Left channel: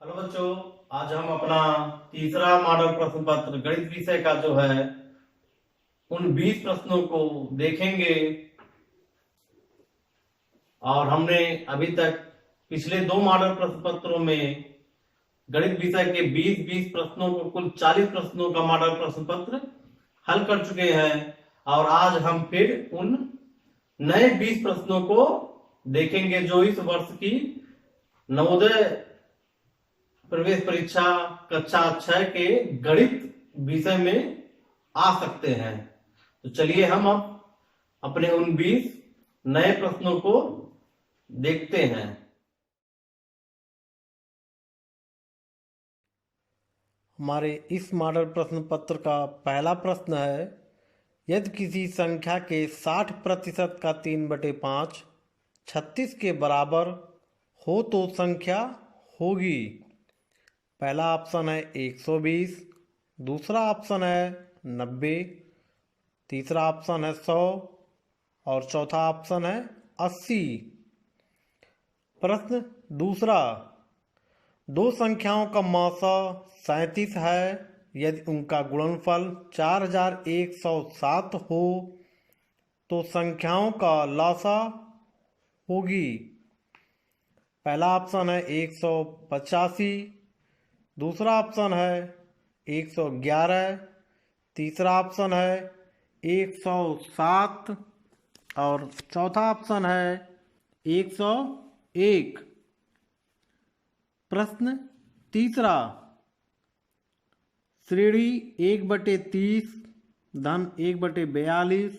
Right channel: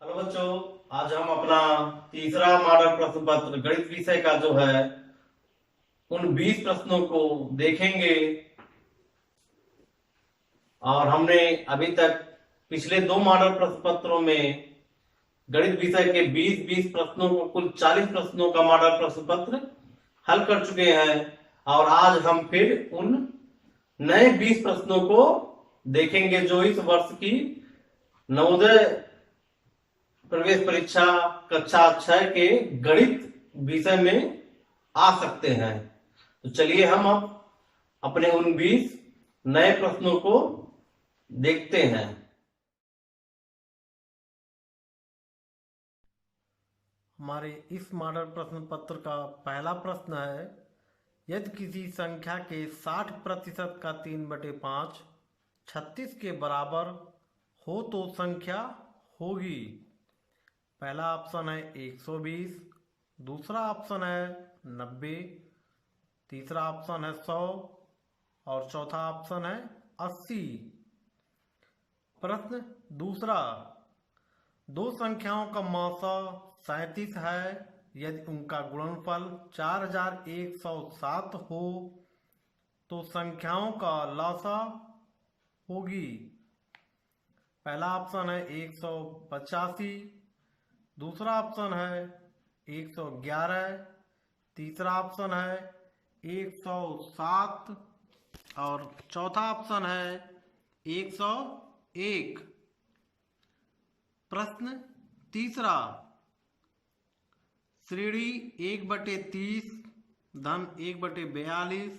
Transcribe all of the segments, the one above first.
Hello बच्चों। आज हम अपना तीसरा मॉडल प्रश्न पत्र गणित विषय का जो है उन 20 प्रश्नों को देखेंगे। और हमने अभी तक पिछले दो मॉडल प्रश्न पत्रों में गणित विषय के 20-20 प्रश्नों को कुल 40 प्रश्नों का मॉडल प्रश्न पत्र हल कर चुके हैं। और आज हम फिर उन नए 20 प्रश्नों को देखेंगे जो इस वर्ष की नवोदय प्रवेश परीक्षा कक्षा 6 के गणित विषय में आ सकते हैं। तो चलिए हम अब अपने उन 20 नए प्रश्नों को देखते हैं। हमारे इस मॉडल प्रश्न पत्र का पहला प्रश्न है, यदि किसी संख्या के 60% का 3/5 36 के बराबर हो तो संख्या होगी। पहला ऑप्शन है 120, दूसरा ऑप्शन है 90, तीसरा ऑप्शन है 100 और चौथा ऑप्शन है 80। प्रश्न दूसरा, दो संख्याओं का मौसा 37 है। यदि उनका गुणनफल 4107 हो तो संख्याओं का लसा होगी। पहला ऑप्शन है 185, दूसरा ऑप्शन है 111, तीसरा ऑप्शन है 107 और चौथा ऑप्शन है 101। प्रश्न तीसरा, श्रेणी 1/30 धन 1/42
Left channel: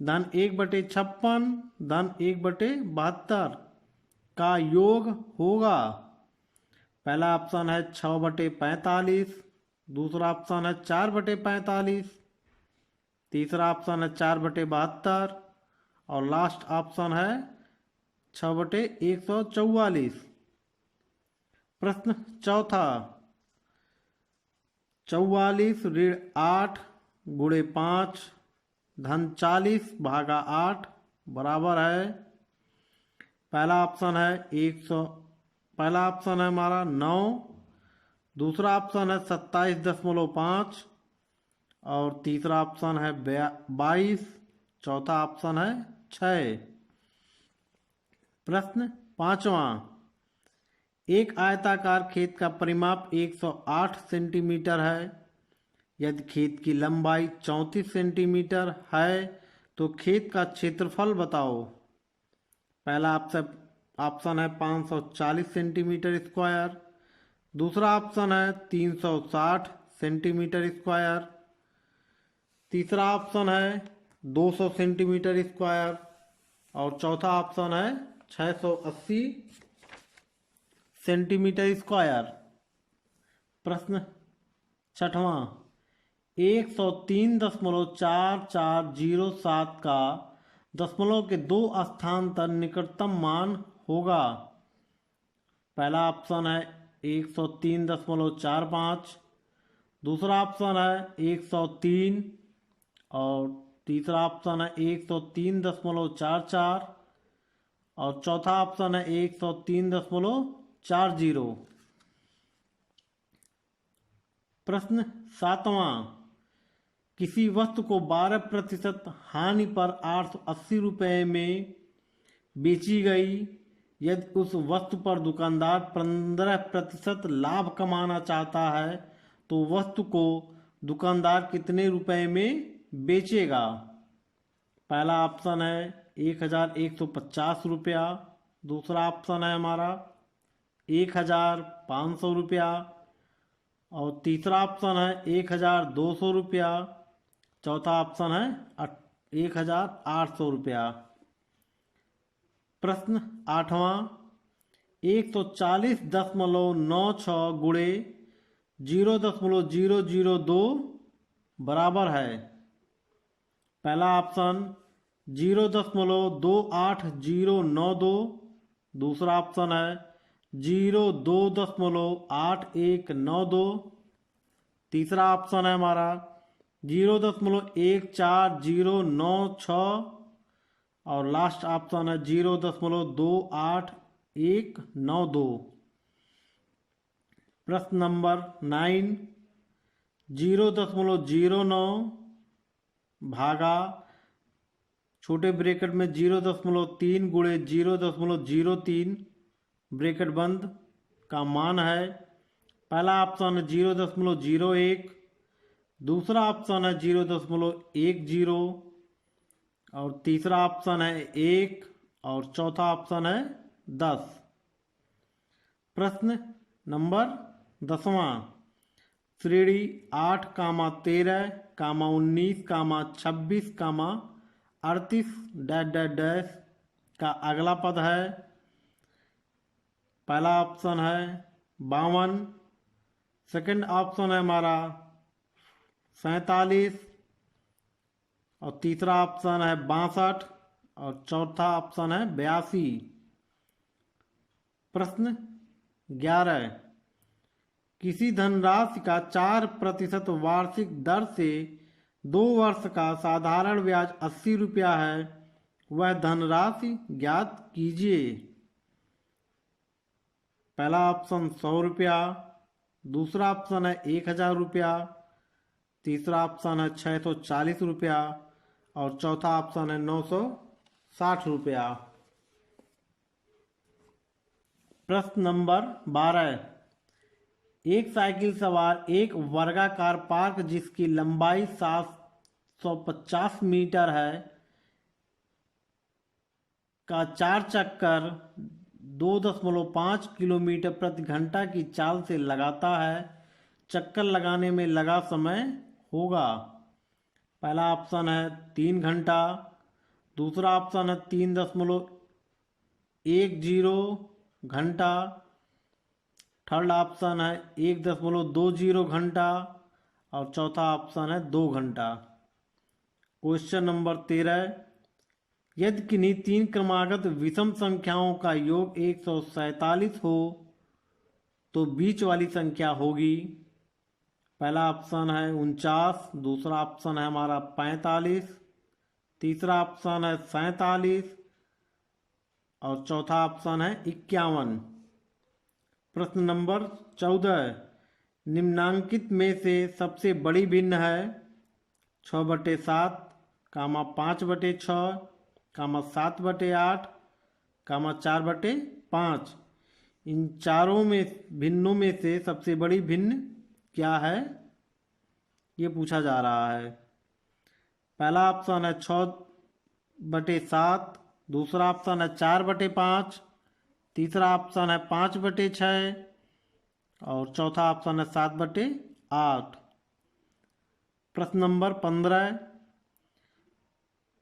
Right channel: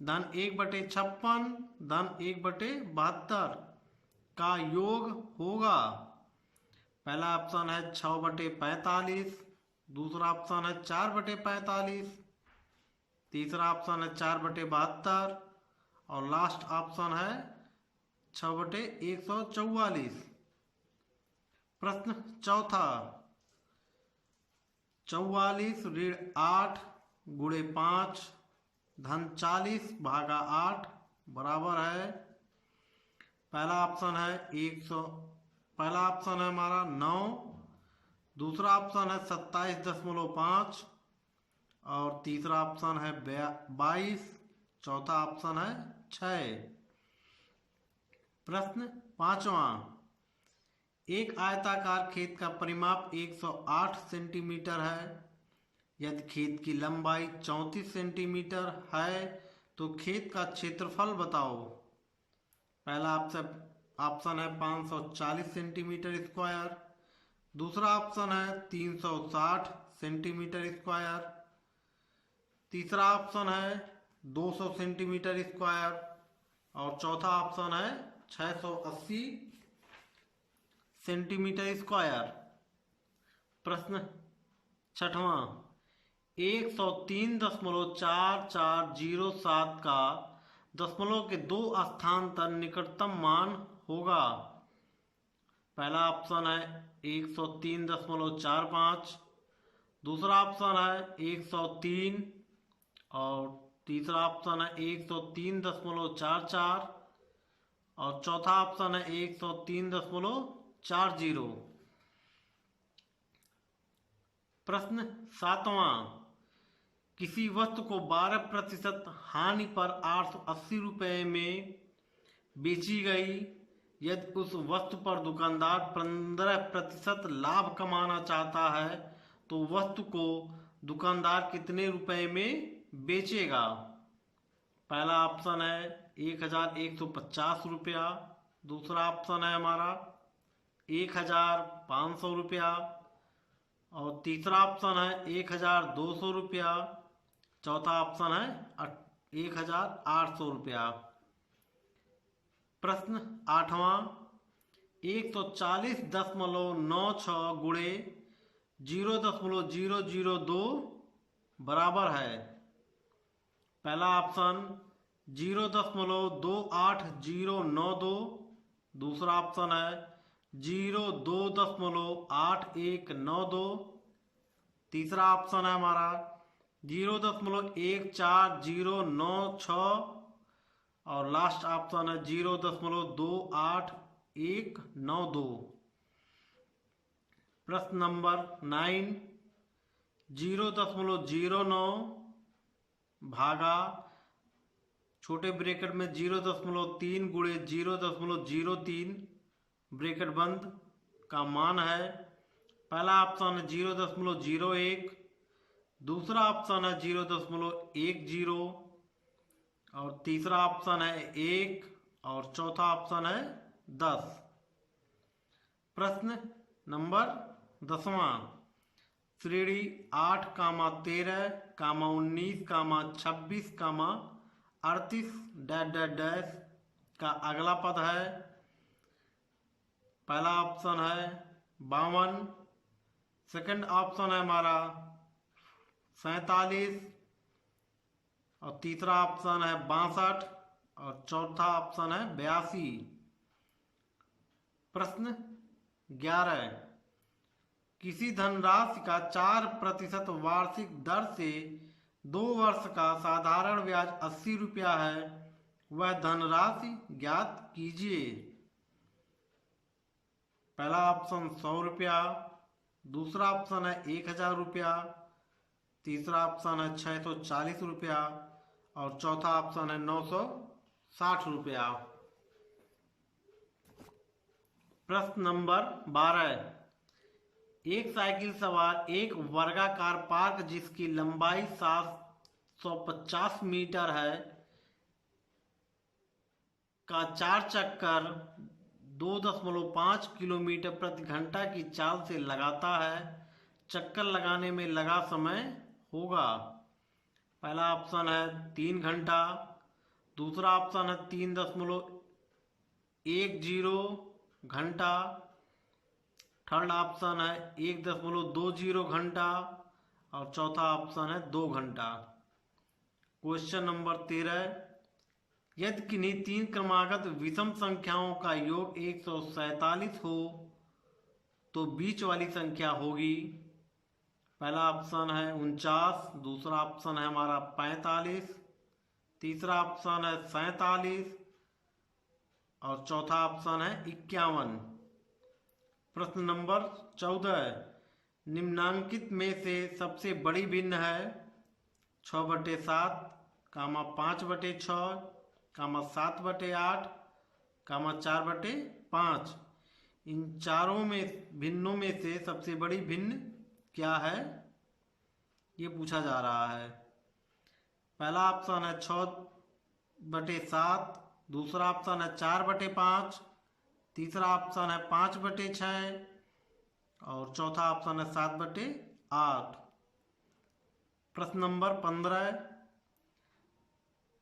धन 1/56 धन 1/72 का योग होगा। पहला ऑप्शन है 6/45, दूसरा ऑप्शन है 4/45, तीसरा ऑप्शन है 4/72 और लास्ट ऑप्शन है 6/144। प्रश्न चौथा, 44 ऋण 8 गुणे 5 धन 40 भागा 8 बराबर है। पहला ऑप्शन है 100, पहला ऑप्शन है हमारा 9, दूसरा ऑप्शन है 27.5 और तीसरा ऑप्शन है 22, चौथा ऑप्शन है 6। प्रश्न पांचवा, एक आयताकार खेत का परिमाप 108 सेंटीमीटर है। यदि खेत की लंबाई 34 सेंटीमीटर है तो खेत का क्षेत्रफल बताओ। पहला ऑप्शन है 540 सेंटीमीटर स्क्वायर, दूसरा ऑप्शन है 360 सेंटीमीटर स्क्वायर, तीसरा ऑप्शन है 200 सेंटीमीटर स्क्वायर और चौथा ऑप्शन है 680 सेंटीमीटर स्क्वायर। प्रश्न छठवां, 103.4407 का दशमलव के दो स्थान पर निकटतम मान होगा। पहला ऑप्शन है 103.45, दूसरा ऑप्शन है 103 और तीसरा ऑप्शन है 103.44 और चौथा ऑप्शन है 103.40। प्रश्न सातवां, किसी वस्तु को 12% हानि पर 880 रुपये में बेची गई। यदि उस वस्तु पर दुकानदार 15% लाभ कमाना चाहता है तो वस्तु को दुकानदार कितने रुपए में बेचेगा। पहला ऑप्शन है 1150 रुपया, दूसरा ऑप्शन है हमारा 1500 रुपया और तीसरा ऑप्शन है 1200 रुपया, चौथा ऑप्शन है 1800 रुपया। प्रश्न आठवां, 140.96 गुणे 0.002 बराबर है। पहला ऑप्शन 0.28092, दूसरा ऑप्शन है 02.8192, तीसरा ऑप्शन है हमारा 0.14096 और लास्ट ऑप्शन है 0.28192। प्रश्न नंबर 9, 0.09 भागा छोटे ब्रैकेट में 0.3 गुणे 0.03 ब्रैकेट बंद का मान है। पहला ऑप्शन है 0.01, दूसरा ऑप्शन है 0.10 और तीसरा ऑप्शन है 1 और चौथा ऑप्शन है 10। प्रश्न नंबर 10वां, श्रेणी 8, 13, 19, 26, 38 डैश डैश डैश का अगला पद है। पहला ऑप्शन है 52, सेकंड ऑप्शन है हमारा 47 और तीसरा ऑप्शन है 62 और चौथा ऑप्शन है 82। प्रश्न 11, किसी धनराशि का 4% वार्षिक दर से 2 वर्ष का साधारण ब्याज 80 रुपया है, वह धनराशि ज्ञात कीजिए। पहला ऑप्शन 100 रुपया, दूसरा ऑप्शन है 1000 रुपया, तीसरा ऑप्शन है 640 रुपया और चौथा ऑप्शन है 960 रुपया। प्रश्न नंबर 12, एक साइकिल सवार एक वर्गाकार पार्क जिसकी लंबाई 750 मीटर है का 4 चक्कर 2.5 किलोमीटर प्रति घंटा की चाल से लगाता है। चक्कर लगाने में लगा समय होगा। पहला ऑप्शन है 3 घंटा, दूसरा ऑप्शन है 3.10 घंटा, थर्ड ऑप्शन है 1.20 घंटा और चौथा ऑप्शन है 2 घंटा। क्वेश्चन नंबर 13, यदि किन्हीं 3 क्रमागत विषम संख्याओं का योग 147 हो तो बीच वाली संख्या होगी। पहला ऑप्शन है 49, दूसरा ऑप्शन है हमारा 45, तीसरा ऑप्शन है 47 और चौथा ऑप्शन है 51। प्रश्न नंबर 14, निम्नांकित में से सबसे बड़ी भिन्न है 6/7, 5/6, 7/8, 4/5। इन चारों में भिन्नों में से सबसे बड़ी भिन्न क्या है, ये पूछा जा रहा है। पहला ऑप्शन है 6/7, दूसरा ऑप्शन है 4/5, तीसरा ऑप्शन है 5/6 और चौथा ऑप्शन है 7/8। प्रश्न नंबर 15,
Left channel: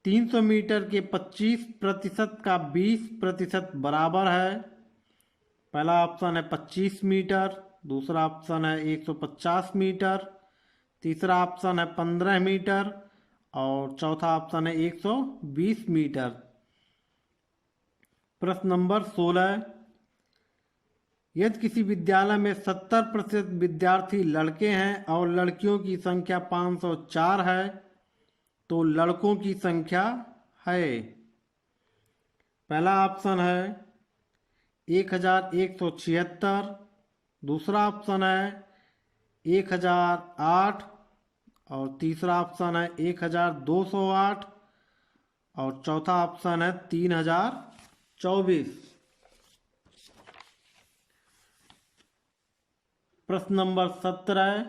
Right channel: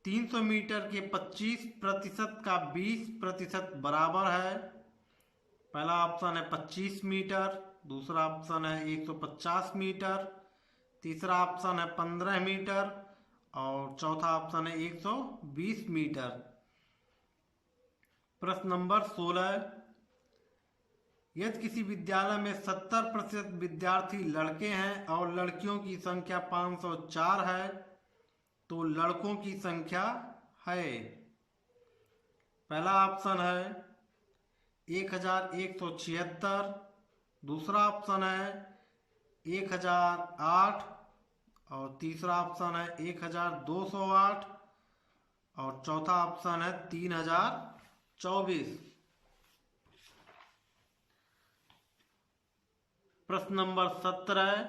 300 मीटर के 25% का 20% बराबर है। पहला ऑप्शन है 25 मीटर, दूसरा ऑप्शन है 150 मीटर, तीसरा ऑप्शन है 15 मीटर और चौथा ऑप्शन है 120 मीटर। प्रश्न नंबर 16, यदि किसी विद्यालय में 70% विद्यार्थी लड़के हैं और लड़कियों की संख्या 504 है तो लड़कों की संख्या है। पहला ऑप्शन है 1176, दूसरा ऑप्शन है 1008 और तीसरा ऑप्शन है 1208 और चौथा ऑप्शन है 3024। प्रश्न नंबर 17,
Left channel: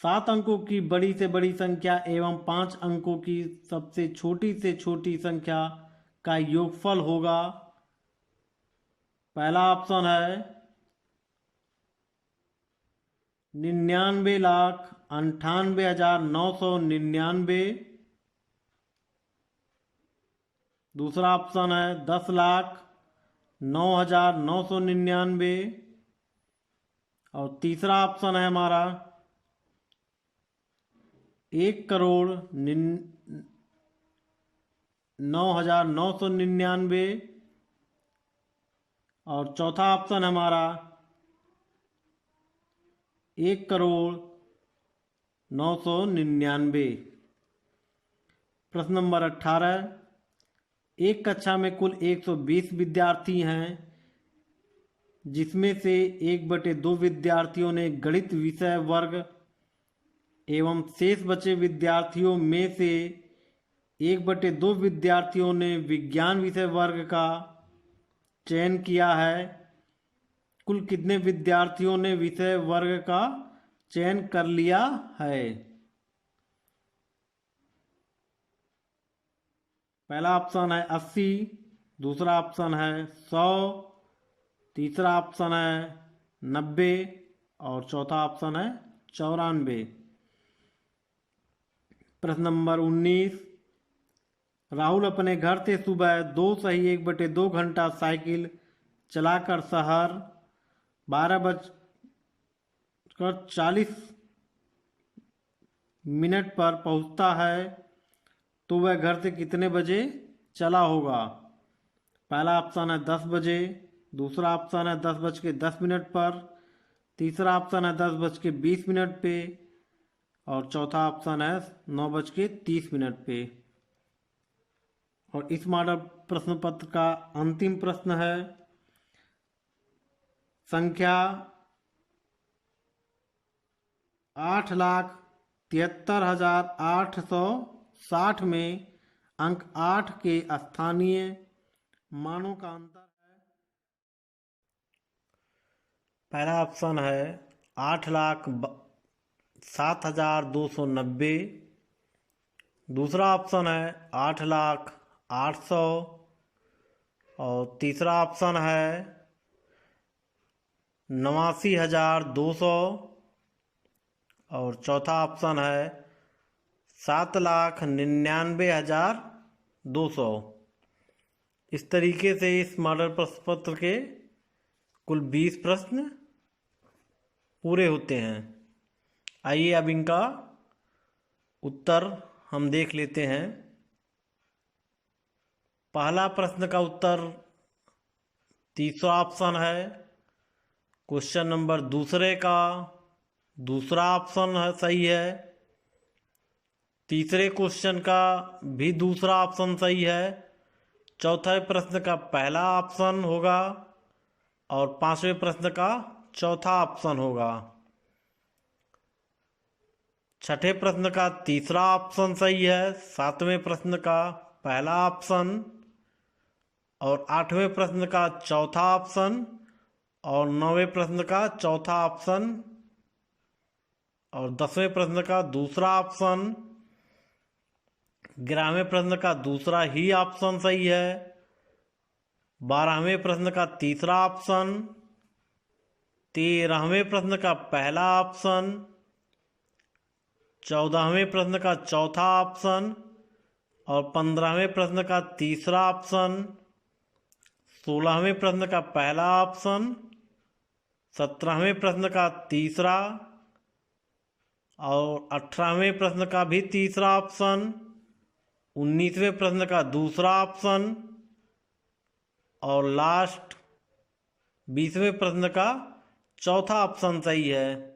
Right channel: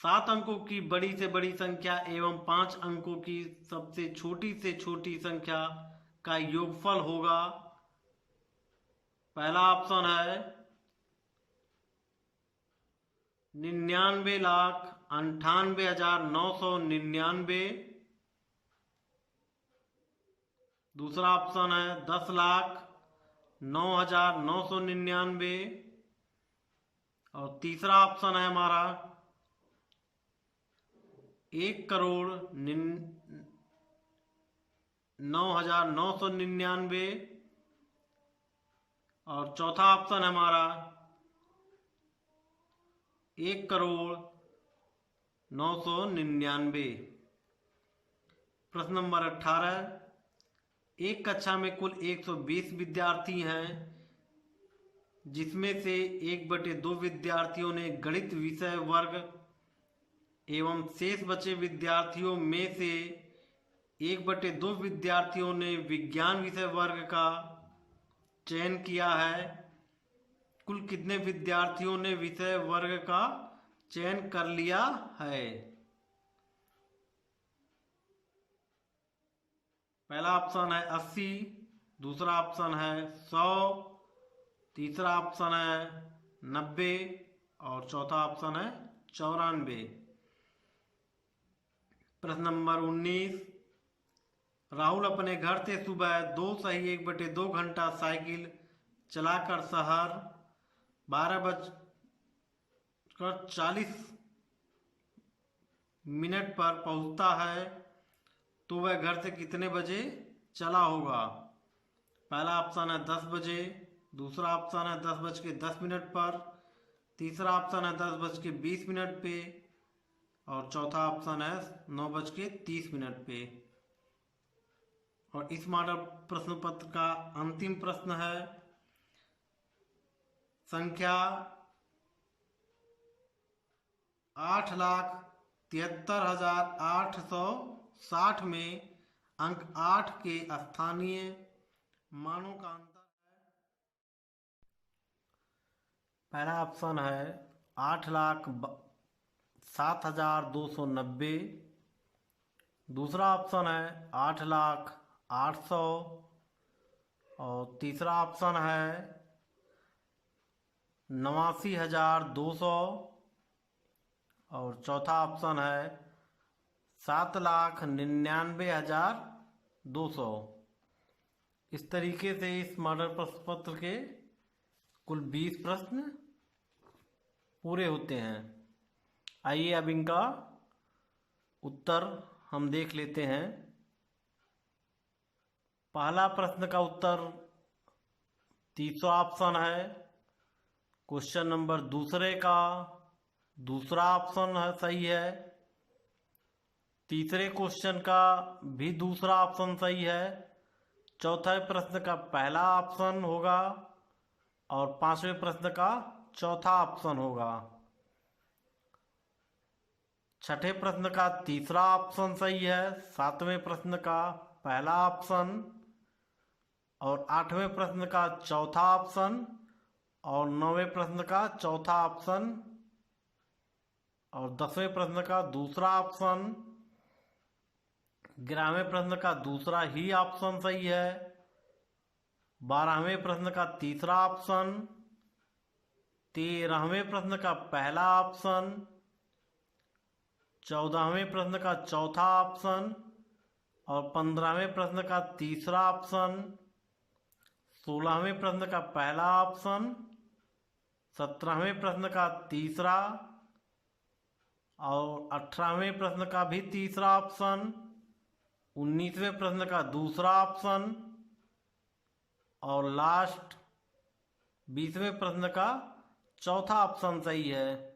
7 अंकों की बड़ी से बड़ी संख्या एवं 5 अंकों की सबसे छोटी संख्या का योगफल होगा। पहला ऑप्शन है 99,98,999, दूसरा ऑप्शन है 10,09,999 और तीसरा ऑप्शन है हमारा 1,09,999 और चौथा ऑप्शन है हमारा 1,09,99। प्रश्न नंबर 18, एक कक्षा में कुल 120 विद्यार्थी हैं जिसमें से 1/2 विद्यार्थियों ने गणित विषय वर्ग एवं शेष बचे विद्यार्थियों में से 1/2 विद्यार्थियों ने विज्ञान विषय वर्ग का चयन किया है। कुल कितने विद्यार्थियों ने विषय वर्ग का चयन कर लिया है? पहला ऑप्शन है 80, दूसरा ऑप्शन है 100, तीसरा ऑप्शन है 90 और चौथा ऑप्शन है 94। प्रश्न नंबर 19, राहुल अपने घर से सुबह 2 सही 1/2 घंटा साइकिल चलाकर शहर 12:40 पर पहुंचता है, तो वह घर से कितने बजे चला होगा? पहला ऑप्शन है 10 बजे, दूसरा ऑप्शन है 10:10 पर, तीसरा ऑप्शन है 10:20 पे और चौथा ऑप्शन है 9:30 पे। और इस मॉडल प्रश्न पत्र का अंतिम प्रश्न है संख्या 8,73,860 में अंक 8 के स्थानीय मानों का अंतर है। पहला ऑप्शन है 8,07,290, दूसरा ऑप्शन है 8,08,000 और तीसरा ऑप्शन है 89,200 और चौथा ऑप्शन है 7,99,200। इस तरीके से इस मॉडल प्रश्न पत्र के कुल 20 प्रश्न पूरे होते हैं। आइए अब इनका उत्तर हम देख लेते हैं। पहला प्रश्न का उत्तर तीसरा ऑप्शन है। क्वेश्चन नंबर दूसरे का दूसरा ऑप्शन है सही है। तीसरे क्वेश्चन का भी दूसरा ऑप्शन सही है। चौथे प्रश्न का पहला ऑप्शन होगा और पांचवें प्रश्न का चौथा ऑप्शन होगा। छठे प्रश्न का तीसरा ऑप्शन सही है। सातवें प्रश्न का पहला ऑप्शन और आठवें प्रश्न का चौथा ऑप्शन और नौवें प्रश्न का चौथा ऑप्शन और 10वें प्रश्न का दूसरा ऑप्शन। 11वें प्रश्न का दूसरा ही ऑप्शन सही है। 12वें प्रश्न का तीसरा ऑप्शन। 13वें प्रश्न का पहला ऑप्शन। 14वें प्रश्न का चौथा ऑप्शन और 15वें प्रश्न का तीसरा ऑप्शन। 16वें प्रश्न का पहला ऑप्शन। 17वें प्रश्न का तीसरा और 18वें प्रश्न का भी तीसरा ऑप्शन। 19वें प्रश्न का दूसरा ऑप्शन और लास्ट 20वें प्रश्न का चौथा ऑप्शन सही है।